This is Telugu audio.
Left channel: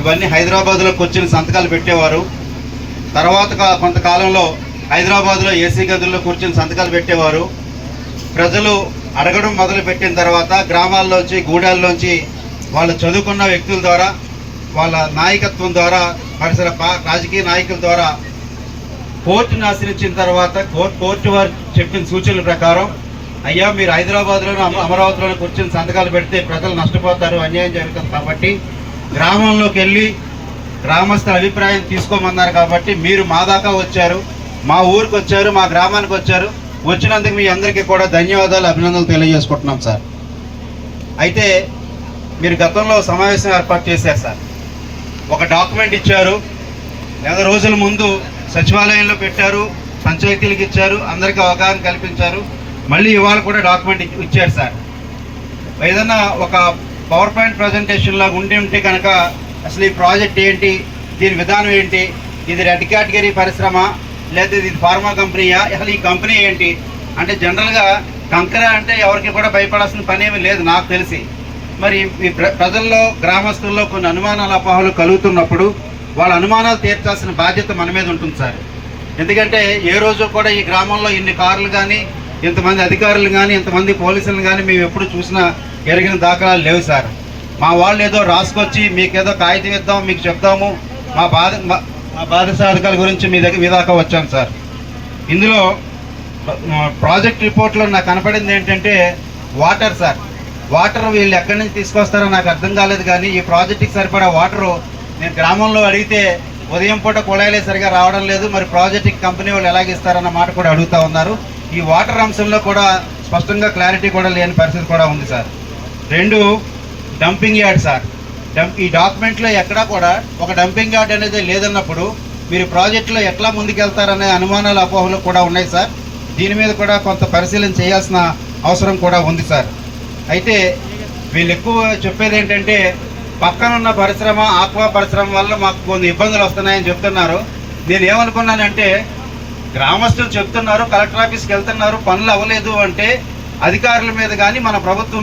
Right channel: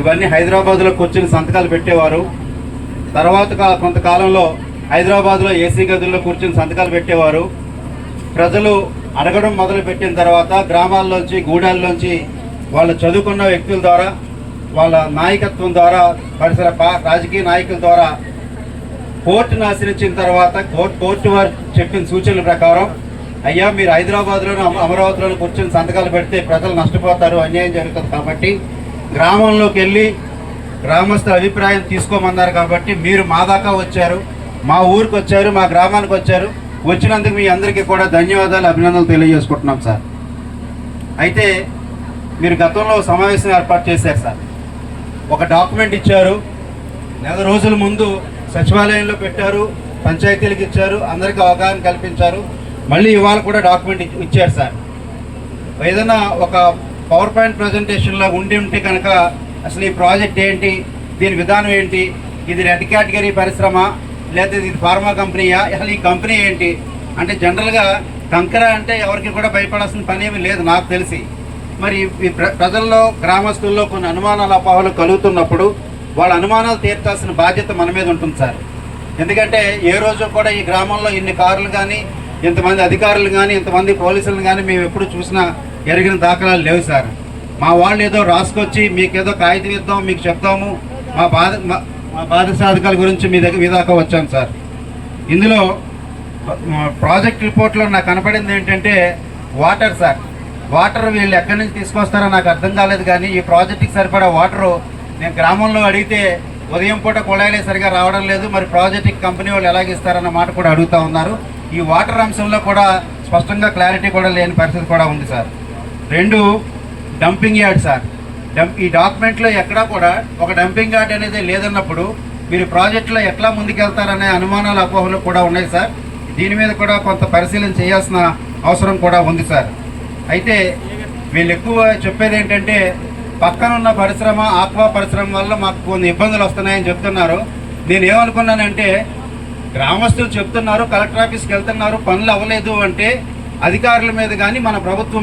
ఇవన్నీ హైదరాబాద్లో కూర్చుని సంతకాలు పెట్టేవారు. తర్వాత కొంతకాలంలో హైదరాబాద్లో ఏసీ గదుల్లో కూర్చుని సంతకాలు పెట్టేవారు. ప్రజలు అడగడం మొదలు పెట్టిన తర్వాత గ్రామాల్లోంచి గూడాల్లోంచి వాళ్ళు చదువుకున్న వ్యక్తుల ద్వారా వాళ్ళ నాయకత్వం ద్వారా పరిసర రాజకీయ నాయకుల ద్వారా కోర్టును ఆశ్రయించిన తర్వాత కోర్టు కోర్టు వారు చెప్పిన సూచనల ప్రకారం అయ్యా మీరు హైదరాబాద్లోనూ అమరావతిలోనూ కూర్చుని కూర్చొని సంతకాలు పెడితే ప్రజలు నష్టపోతారు అన్యాయం జరుగుతుంది కాబట్టి గ్రామంలోకి వెళ్ళి గ్రామస్తుల అభిప్రాయం తీసుకోమన్నారు కాబట్టి మీరు మా దాకా వచ్చారు మా ఊరికి వచ్చారు మా గ్రామానికి వచ్చారు. వచ్చినందుకు మీ అందరికీ కూడా ధన్యవాదాలు అభినందనలు తెలియజేసుకుంటున్నాం సార్. అయితే మీరు గతంలో సమావేశం ఏర్పాటు చేశారు సార్. ఒక డాక్యుమెంట్ ఇచ్చారు నెల రోజుల ముందు సచివాలయంలో పెట్టారు పంచాయతీలకు ఇచ్చారు అందరికీ అవగాహన కల్పించారు. మళ్ళీ ఇవాళ కూడా డాక్యుమెంట్ ఇచ్చారు సార్. ఏదైనా ఒక పవర్ పాయింట్ ప్రజెంటేషన్లో ఉండి ఉంటే కనుక అసలు ఈ ప్రాజెక్ట్ ఏంటి? దీని విధానం ఏంటి? ఇది రెడ్ కేటగిరీ పరిశ్రమ లేదా ఇది ఫార్మా కంపెనీయా? అసలు ఈ కంపెనీ ఏంటి? అంటే జనరల్గా కంకర అంటే ఎవరికి కూడా భయపడాల్సిన పని ఏమీ లేదు నాకు తెలిసి. మరి ఈ ప్ర- ప్రజల్లో గ్రామస్తుల్లో కొన్ని అనుమానాలు అపోహలు కలుగుతున్నప్పుడు వాళ్ళ అనుమానాలు తీర్చాల్సిన బాధ్యత మన మీద ఉంటుంది సార్. ఎందుకంటే ఏ రోజు కూడా ఈ గ్రామంలో ఇన్ని కార్లు కానీ ఇంతమంది అధికారులు కానీ ఇంతమంది పోలీసులను కానీ మేము ఎప్పుడు చూసినా జరిగిన దాఖలాలు లేవు సార్. మా వాళ్ళు ఏదో రాసుకొచ్చి మీకు ఏదో కాగితం ఇద్దాం మీకు చెప్తాము మా బాధ మా- మా సాధకాల గురించి మీ దగ్గర మీ దాకా వచ్చాను సార్. ఇందులో ప్రాజెక్ట్ రిపోర్ట్లో నాకు కనపడింది ఏంటంటే వాటర్ సార్. వాటర్ వీళ్ళు ఎక్కడి నుంచి తీసుకొస్తారో నాకు అర్థం కాలేదు కానీ ఈ ప్రాజెక్ట్కి సరిపడా వాటరు నేను గ్రామంలో అడిగితే ఉదయం పూట కుళాయిలే సరిగా రావడం లేదు. మరి ప్రాజెక్ట్కి కంపెనీ వాళ్ళు ఎలాగ ఇస్తారన్న మాట కూడా అడుగుతా ఉన్నారు. ఈ వాటర్ అంశంలో కూడా స్పష్టంగా క్లారిటీ కూడా లేని పరిస్థితి కూడా ఉంది సార్. రెండు డంపింగ్ యార్డ్ సార్ డంప్ ఈ డాక్యుమెంట్లో ఎక్కడా కూడా ఒక డంపింగ్ యార్డ్ అనేది లేదన్నప్పుడు మీరు ప్రాజెక్టులో ఎట్లా ముందుకెళ్తారనే అనుమానాలు అపోహలు కూడా ఉన్నాయి సార్ దీని మీద కూడా కొంత పరిశీలన చేయాల్సిన అవసరం కూడా ఉంది సార్ అయితే వీళ్ళు ఎక్కువ చెప్పేది ఏంటంటే పక్కన ఉన్న పరిశ్రమ ఆక్వా పరిశ్రమ వల్ల మాకు కొన్ని ఇబ్బందులు వస్తున్నాయని చెప్తున్నారు. నేను ఏమనుకున్నానంటే గ్రామస్తులు చెప్తున్నారు కలెక్టర్ ఆఫీస్కి వెళ్తున్నారు పనులు అవ్వలేదు అంటే అధికారుల మీద కానీ మన ప్రభుత్వం